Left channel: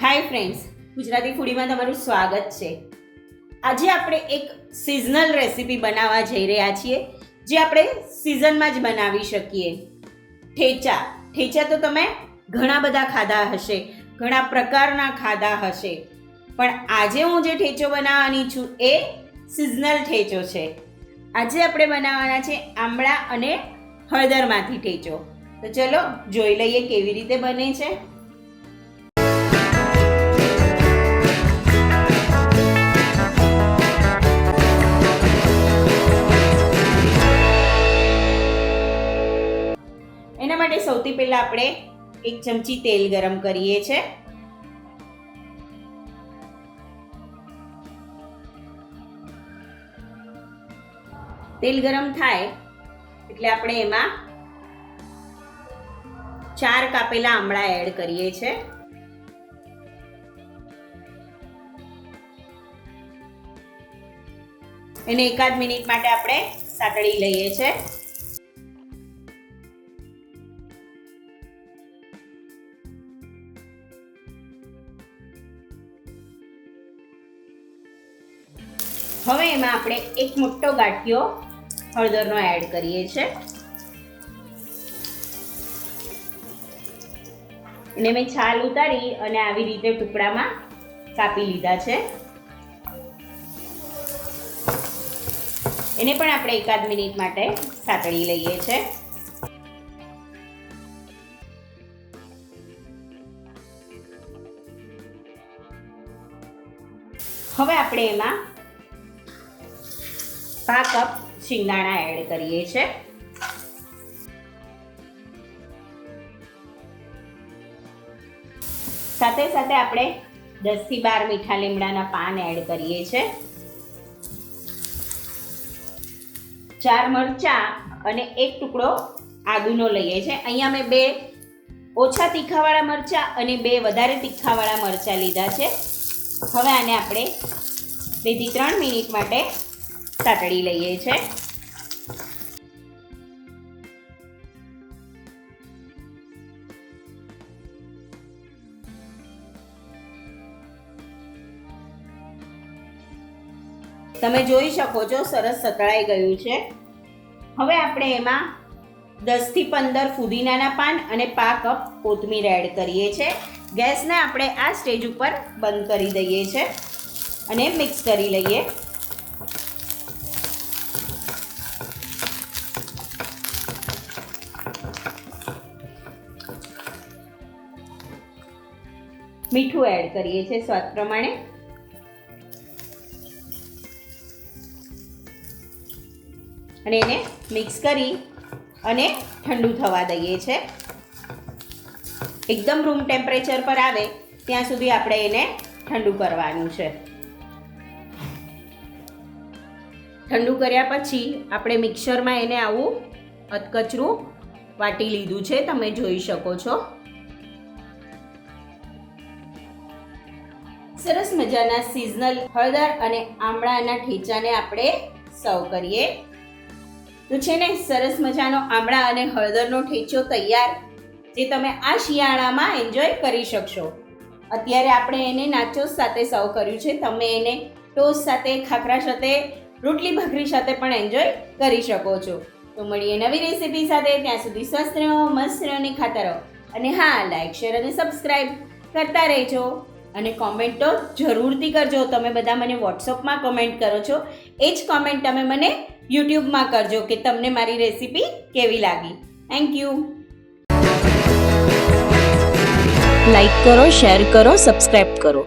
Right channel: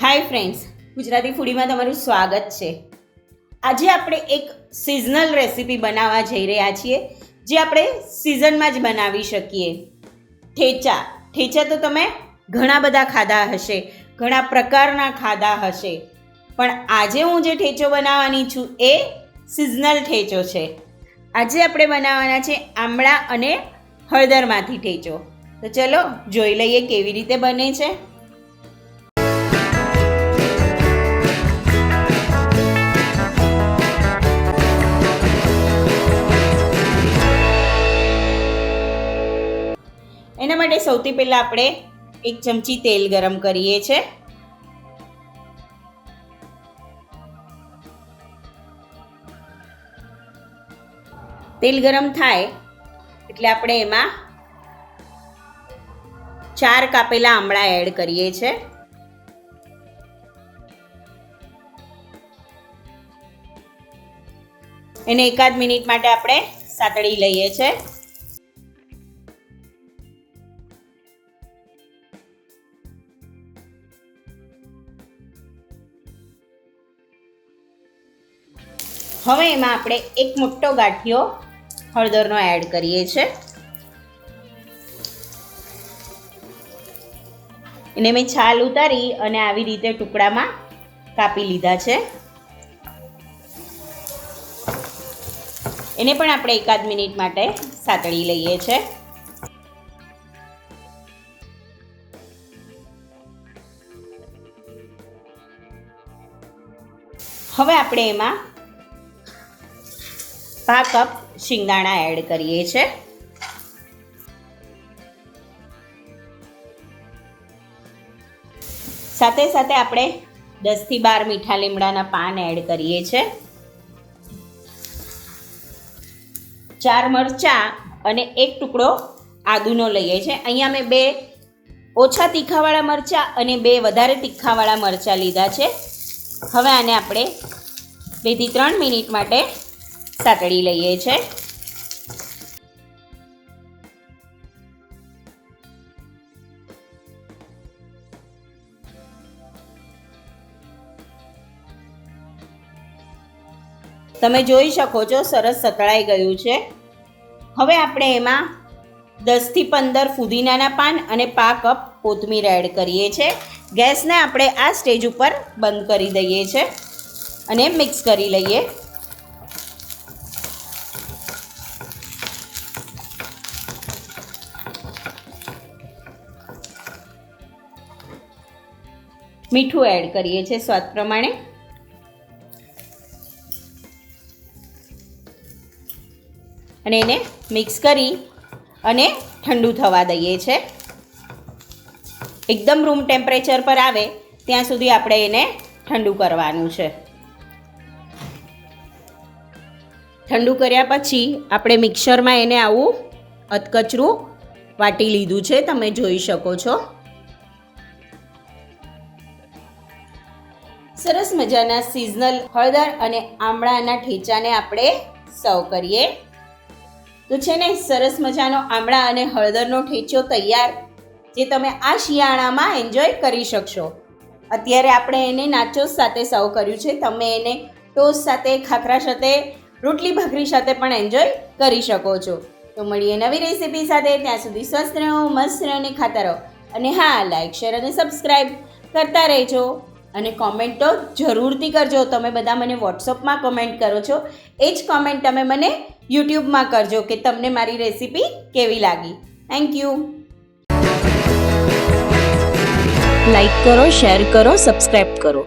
Hi friends, Gujarati ફૂડીમાં તમારું સ્વાગત છે. આજે આપણે એક સિઝનલ રેસીપી બનાવવા જઈ રહ્યા છીએ, જે આપણે સિઝનમાં જ બનાવી શકીએ. ઠેચા ઠેચા તો તમે ઘણા બધા ખાધા હશે, ઘણા પ્રકારના ખાધા હશે. પણ આજે હું જે ઠેચો બનાવવાની છું એ સિઝનલ ઠેચો છે. આજે આપણે બનાવવાના છે આમળા અને હળદરમાંથી ઠેચો. તો ચલો જોઈ લઈએ કેવી રીતે બને છે. માટે સૌથી પહેલાં આપણે એક ચમચી તેલ ગરમ કરીએ છે. તેલ ગરમ થાય એટલે આપણે એમાં ચાર કાપેલા આમળા એડ કરીએ છે. એને એકાદ મિનિટ માટે આપણે સાતળી લઈએ છે. હવે એમાં આપણે એક મોટો ગાંઠિયો હળદરનો એડ કરીએ છે એને મેં છાલ ઉતારી અને આવી રીતે ટુકડામાં કાપી લીધા છે. એને પણ આપણે એકાદ મિનિટ માટે સાતળી લઈએ છે. હવે આપણે એમાં પા કપ શિંગદાણા એડ કરીએ છે. સાથે સાથે આપણે દસથી બાર મીઠા લીમડાના પાન એડ કરીએ છે. ચાર મરચાં અને એક ટુકડો આદુનો લઈએ છે. અહીંયા મેં બે ઓછા તીખાવાળા મરચાં અને બે વધારે તીખાવાળા મરચાં લીધા છે. હવે આને આપણે બેથી ત્રણ મિનિટ માટે સાતળી લઈએ છે. તમે જોઈ શકો છો, સરસ સતળાઈ ગયું છે. હવે આપણે એમાં દસથી પંદર ફુદીનાના પાન અને પા કપ કોથમીર એડ કરીએ છીએ ગેસને આપણે આ સ્ટેજ ઉપર બંધ કરી દઈએ છીએ અને મિક્સ કરી લઈએ. મીઠું એડ કરીએ છીએ સ્વાદ પ્રમાણે. અને એને મિક્સ કરી અને ઠંડુ થવા દઈએ છે એકદમ રૂમ ટેમ્પરેચર પર આવે, ત્યાં સુધી આપણે એને ઠંડુ કરવાનું છે. ઠંડુ કર્યા પછી આપણે મિક્સરમાં એને આવું અધકચરું વાટી લીધું છે, તમે જોઈ શકો છો. સરસ મજાના સિઝનલ હળદર અને આમળાના ઠેચાને આપણે સર્વ કરીએ. તો છે ને, સરસ મજાનો આમળા અને હળદરનો ઠેચો તૈયાર, જે તમે આ શિયાળામાં એન્જોય કરી શકશો. અત્યારે આપણે એને નાચોસ સાથે સર્વ કર્યું છે. તમે એને ટોસ સાથે, ખાખરા સાથે, રોટલી ભાખરી સાથે પણ એન્જોય કરી શકો છો. તો મળીએ નવી રેસીપી સાથે. ત્યાં સુધી સ્વસ્થ રહો, મસ્ત રહો અને ખાતા રહો. અને હા લાઈક શેર અને સબસ્ક્રાઈબ કરતા રહેજો. અને કોમેન્ટ તો જરૂરથી કરજો. તમે બધા મને વોટ્સઅપમાં કોમેન્ટ કરો છો. એ જ કોમેન્ટ તમે મને યુટ્યુબમાં કરજો કે તમને મારી રેસીપી કેવી લાગી. થેન્ક યુ લાઈક કરો શેર કરો સબસ્ક્રાઈબ કરો.